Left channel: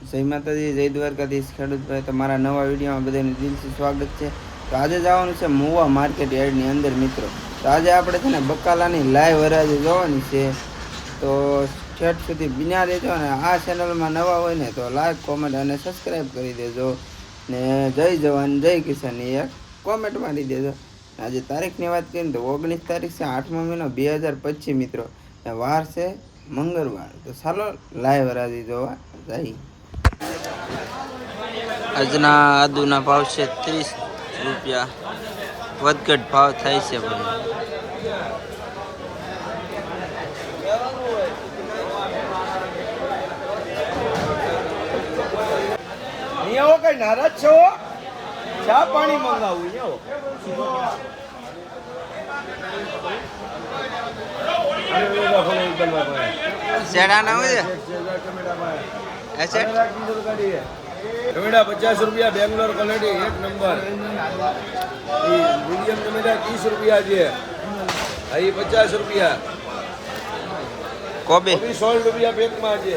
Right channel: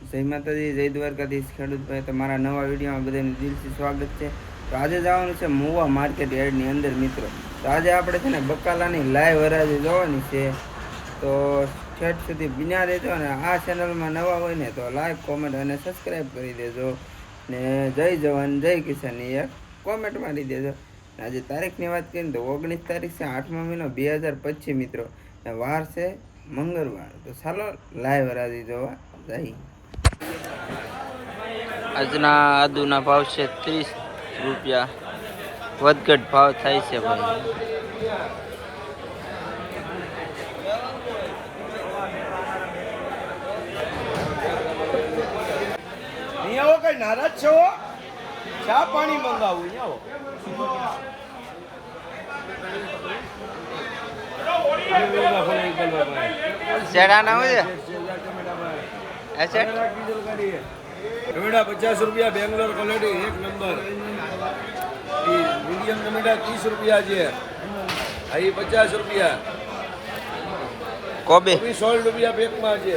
જય માતાજી, જય દ્વારકાધીશ, ખેડૂતભાઈ, તમારા નવા વિડીયોમાં બધાનું દિલથી સ્વાગત છે. તો આજે જવાનું છે મુવા માર્કેટ યાર્ડની અંદર, મિત્રો. તો આજે આપણે છે ને બકાલાની લાઈવ હરાજી જોવાની છે. તો છઠ સુધી બિના દેજો અને આ ચેનલમાં નવા હોય ને તો લાઈક, કોમેન્ટ અને સબસ્ક્રાઈબ કરી દેજો. ને જય જવાન, જય કિસાનની એક કોમેન્ટ મારી દેજો. આજે તારીખની વાત કરીએ તો ઓગણીસ તારીખ છે, આઠમો મહિનો બે હજાર પચીસ, મિત્રો. ને વાર છે મંગળવાર. તો ચાલો લાઈવ હરાજી જોવા જઈએ. આજના આદુના ભાવ છે ત્રીસ રૂપિયા વધઘટ ભાવ થાય છે ભાઈ અહીંયા કઈ નારાજ છો ચા પાણી મંગાવું અહીંયા હોય ટમેટા પચાસ રૂપિયા બેંગ્લોર ક્વોલિટી એક નંબર. ઈ મીડિયમ ટમેટા ત્રીસ રૂપિયા છે. અહીં પચાસ રૂપિયા. કોબી? સોળ રૂપિયા પેકમાં છે.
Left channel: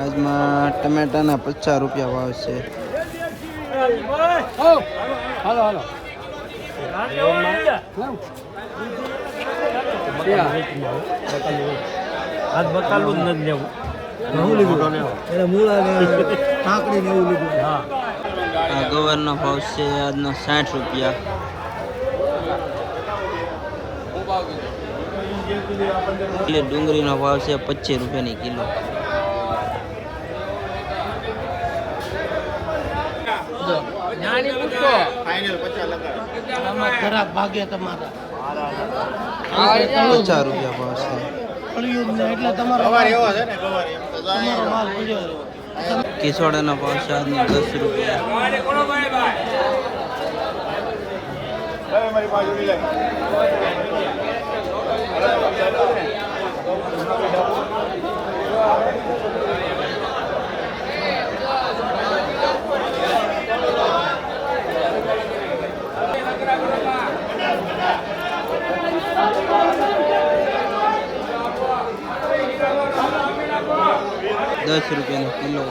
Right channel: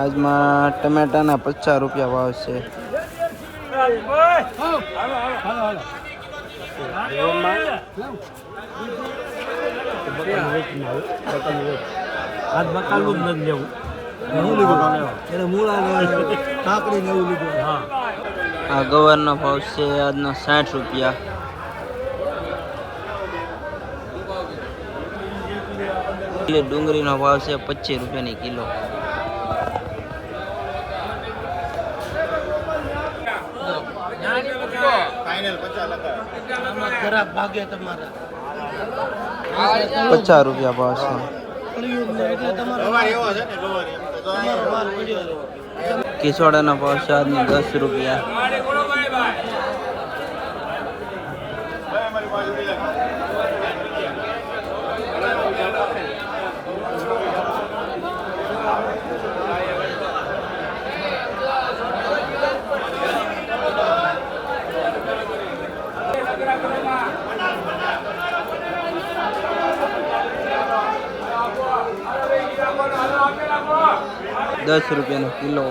આજમાં ટમેટાના પચાસ રૂપિયા ભાવ છે. આજ બતાલું જ નથી લેવું. ઘઉં લીધું. એને મૂળા ને કાકડી ને એવું લીધું. હા. આ ગવરનો ભાવ છે આજનો સાઠ રૂપિયા. એટલે ડુંગળીનો ભાવ છે પચીસ રૂપિયાની કિલો. ખરાબ ભાગે તમારા. પચાસ રૂપિયા ભાવ છે. માલ ભાવ છે આજનો દસ રૂપિયા. દસ રૂપિયાનો કિલો.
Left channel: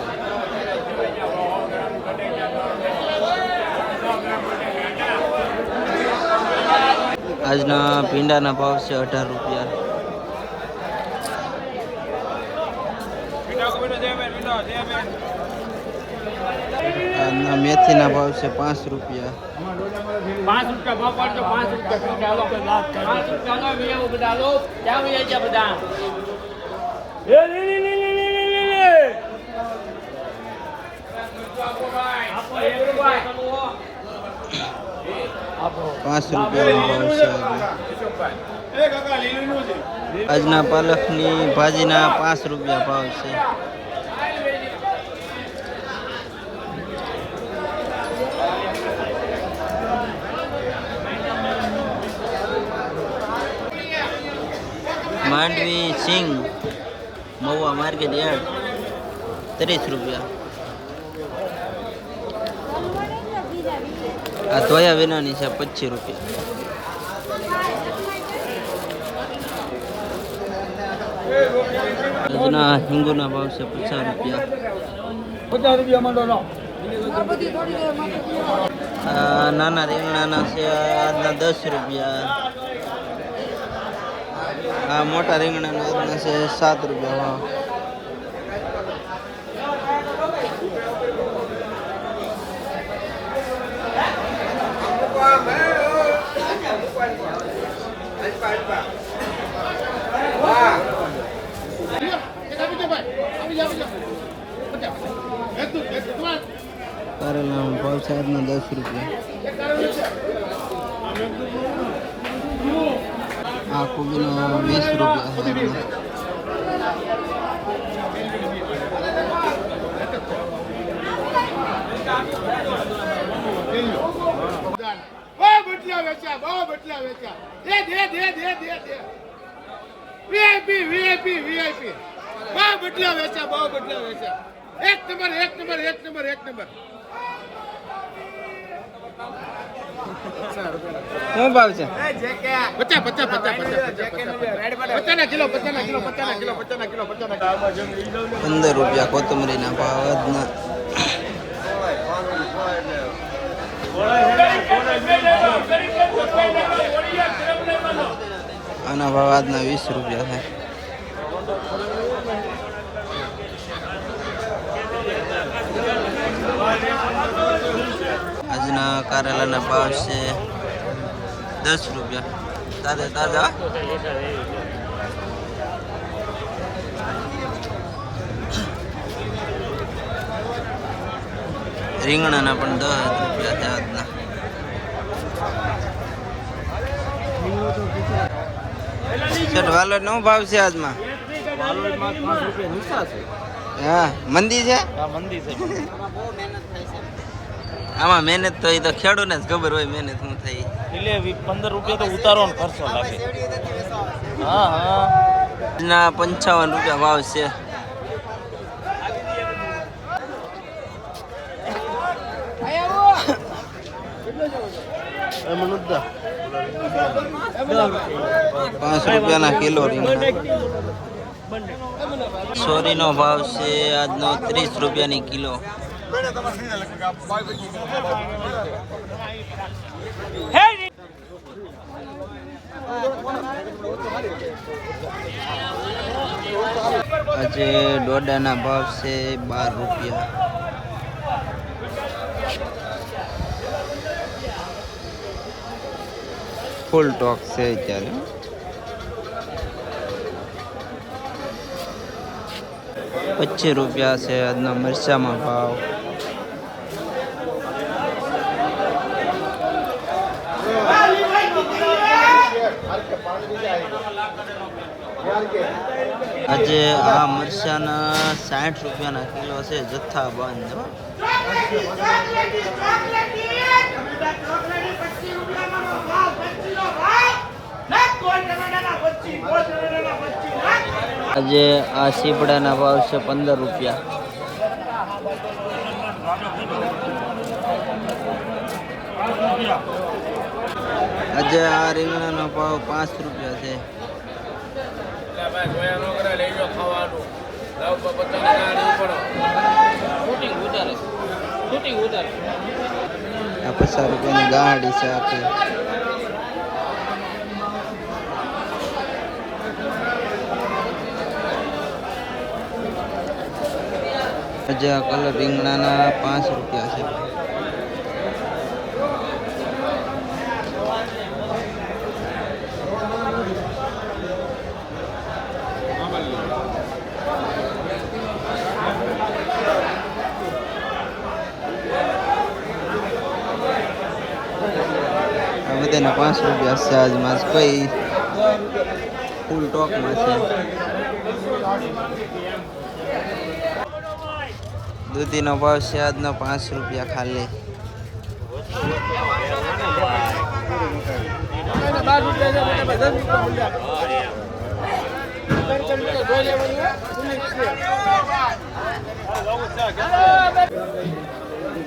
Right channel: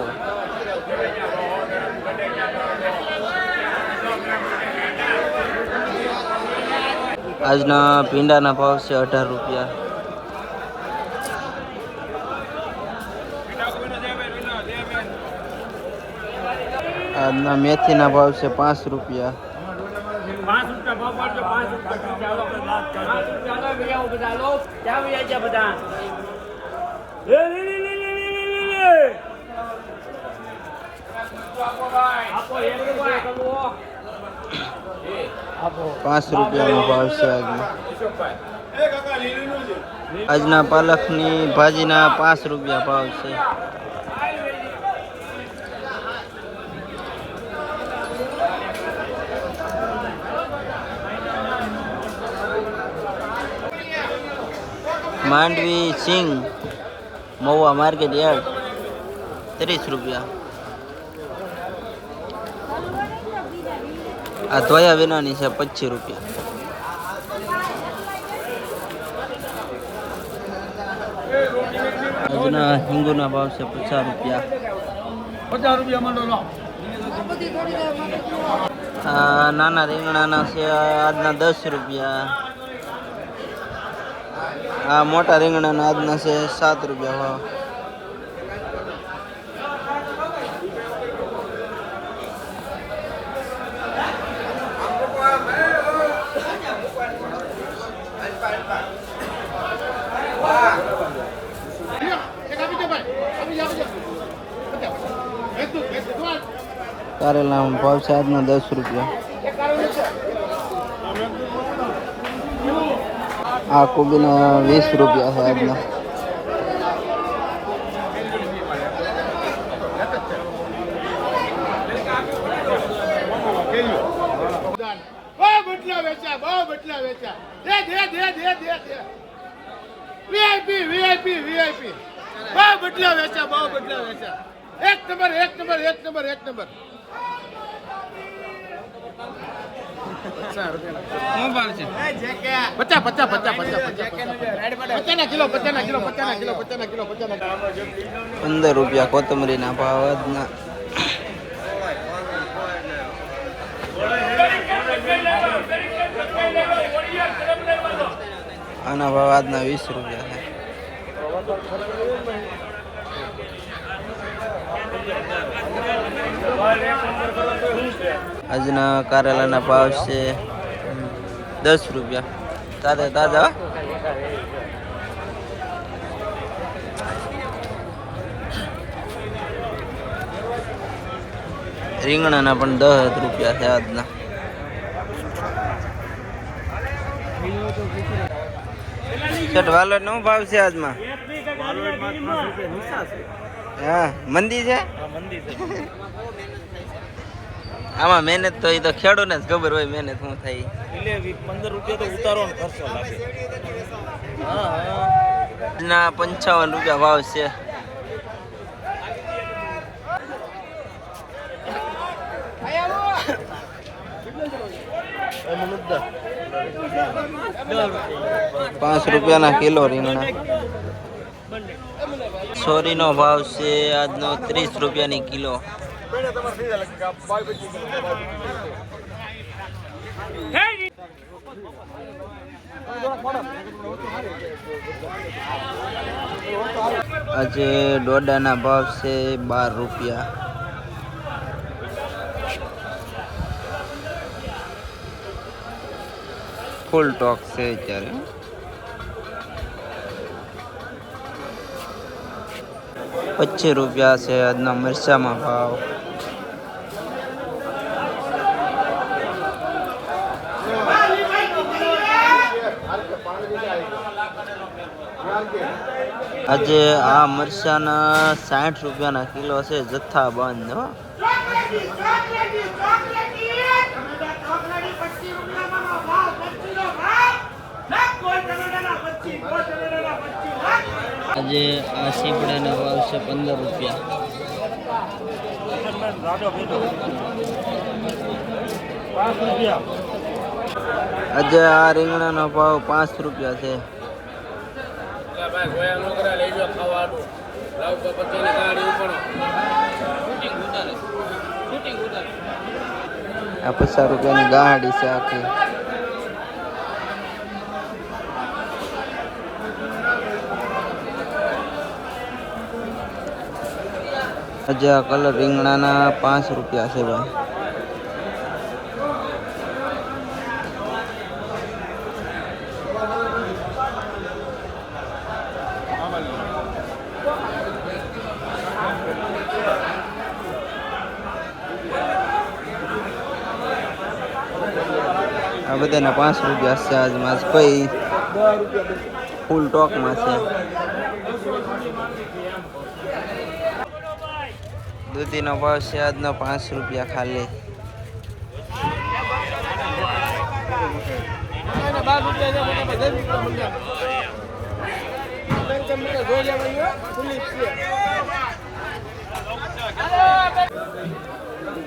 આજના ભીંડાના ભાવ છે અઢાર રૂપિયા. આજના મેથીના ભાવ છે પાંચ રૂપિયા. પાંચ રૂપિયાનો ભાવ છે આજનો આજના પાલકની ભાજીના પાંચ રૂપિયા ભાવ છે. માંડવી સિંગ, મહુવા માર્કેટ યાર્ડ, ત્રીસ રૂપિયા. આ ધોયા વિનાની છે પચીસ રૂપિયા. આજના હિંગુના ભાવ છે પચાસ રૂપિયા. નાના રીંગણાના છે આજના દસ રૂપિયા. આ મોટા રીંગણાના આજના છે સાત રૂપિયા ભાવ. કારેલાનો ભાવ આજનો દસ રૂપિયા. આ કોબીનો વીસ રૂપિયા છે આજનો વીઆઈપી વીઆઈપી વીઆઈપી બહુ બટલા વેચ્યા, બહુ બટલા વેચ્યા. એક નંબર એક નંબર એક નંબર એક નંબર. શું ભાવ છે? પચાસ પચાસ પચાસ પચાસ પચાસ પચાસ કિલો પચાના કિલો પચાના કિલો પચાના કિલો કિલો. પંદર રૂપિયા કોથમરીના ભાવ આજના. આના ભાવ આજના વીસ રૂપિયા થાય. આજના કારેલાના ભાવ છે દસ રૂપિયા. તાજા તાજા રીંગણાના પણ દસ રૂપિયા છે આજના. શેઠ વાલોડ નો ભાવ છે આજમાં? હા મંદી છે. આમાં મહેનત તો એ તો ખેડૂતને જ ખબર હોય મહેનત શું થાય. એટલે પંદર રૂપિયા તો ઉતારો ખર્ચો લાગે હા હા. ના પંચાવન રૂપિયા ભાવ છે. પાંચ રૂપિયાના કિલો રીંગણા. સોરીનો ભાવ છે આજનો ત્રીસ રૂપિયાની કિલો. આજે દોડાના ભાવ છે બાર રૂપિયા ફૂલ ટોક છે અત્યારે પચીસ રૂપિયા છે, આજના મરચામાં ભાવ. આજે આ મરચાના સાઠ રૂપિયાના કિલો છે, જથ્થા બંધ, હો. આજે આ સીપડાના ભાવ છે પંદર રૂપિયા. આજે આ રીંગણાનો ભાવ પાંચ રૂપિયા છે. આ પચાસ રૂપિયાની ગાડી છે આખી. આજે આ કલર રીંગણાના પાંચ રૂપિયા છે ભાઈ. આ બધાના પાંચ રૂપિયા છે આજ માસ. કોઈ ફૂલ ટોકમાં છે? દૂધીનો ભાવ છે આજનો પાંચ રૂપિયા ખાલી.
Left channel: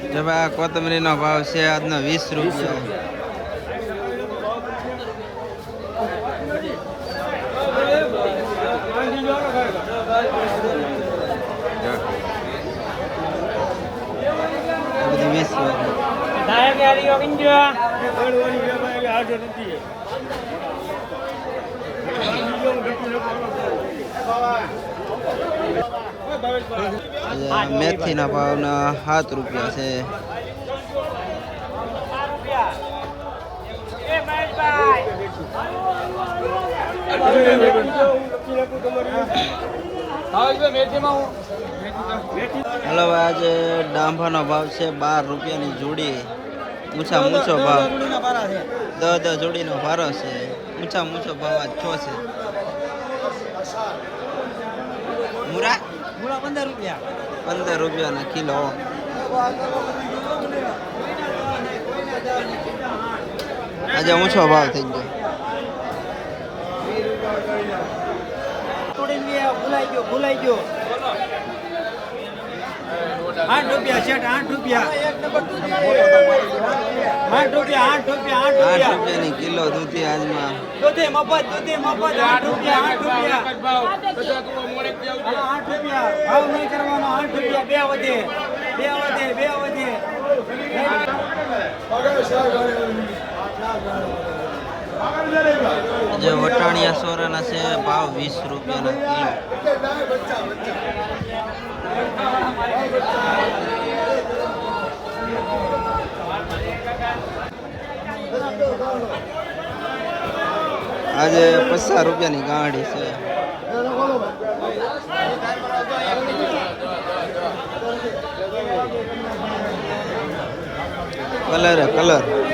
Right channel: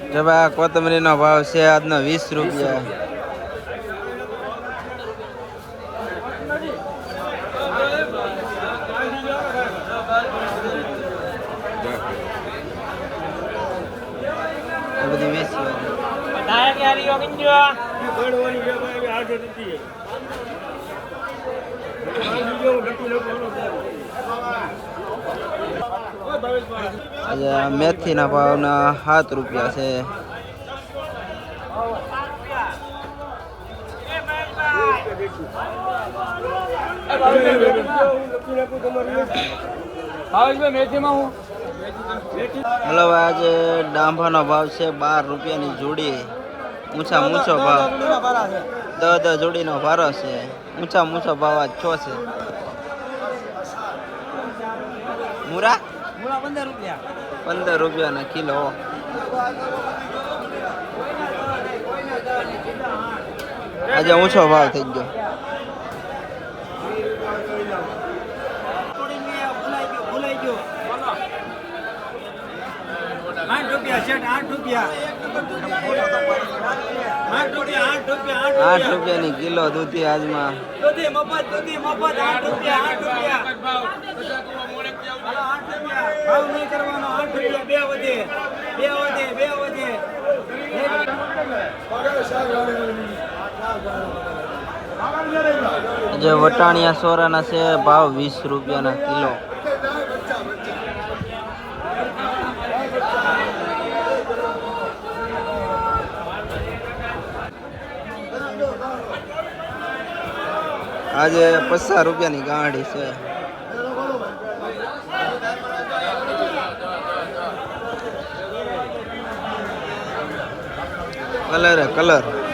જો ભાઈ આ કોથમરીનો ભાવ છે આજનો વીસ રૂપિયા આ બધી વીસ રૂપિયા મેથીના ભાવના સાત રૂપિયા છે. હેલો આજે ડાંભાનો ભાવ છે બાર રૂપિયાની જોડી. ઊંચા ઊંચો ભાવ. દસ દસ જોડીનો ભારો છે. ઊંચા ઊંચો ભાવ આજ છો છે. મુરા? મુરા પંદર રૂપિયા. પંદર રૂપિયાના કિલો. આજે ઊંચો ભાવ થઈ ગયો. ભૂલાઈ ગયો ભૂલાઈ ગયો. આઠ રૂપિયા શેઠ આઠ રૂપિયા. આઠ રૂપિયા આઠ રૂપિયા આઠ આઠ રૂપિયાની કિલો દૂધી આજમાં દૂધી મફત દૂધી મફત આઠ રૂપિયા આઠ રૂપિયા. આઠ રૂપિયા. ભાવ નહીં કરવાનો આઠ રૂપિયા બે વધે. બે વધે બે વધે. જે વટાણિયા સોરાના છે ભાવ વીસ રૂપિયાના કિલો. આજે પચાસ રૂપિયાની ગાડી છે. Colour colour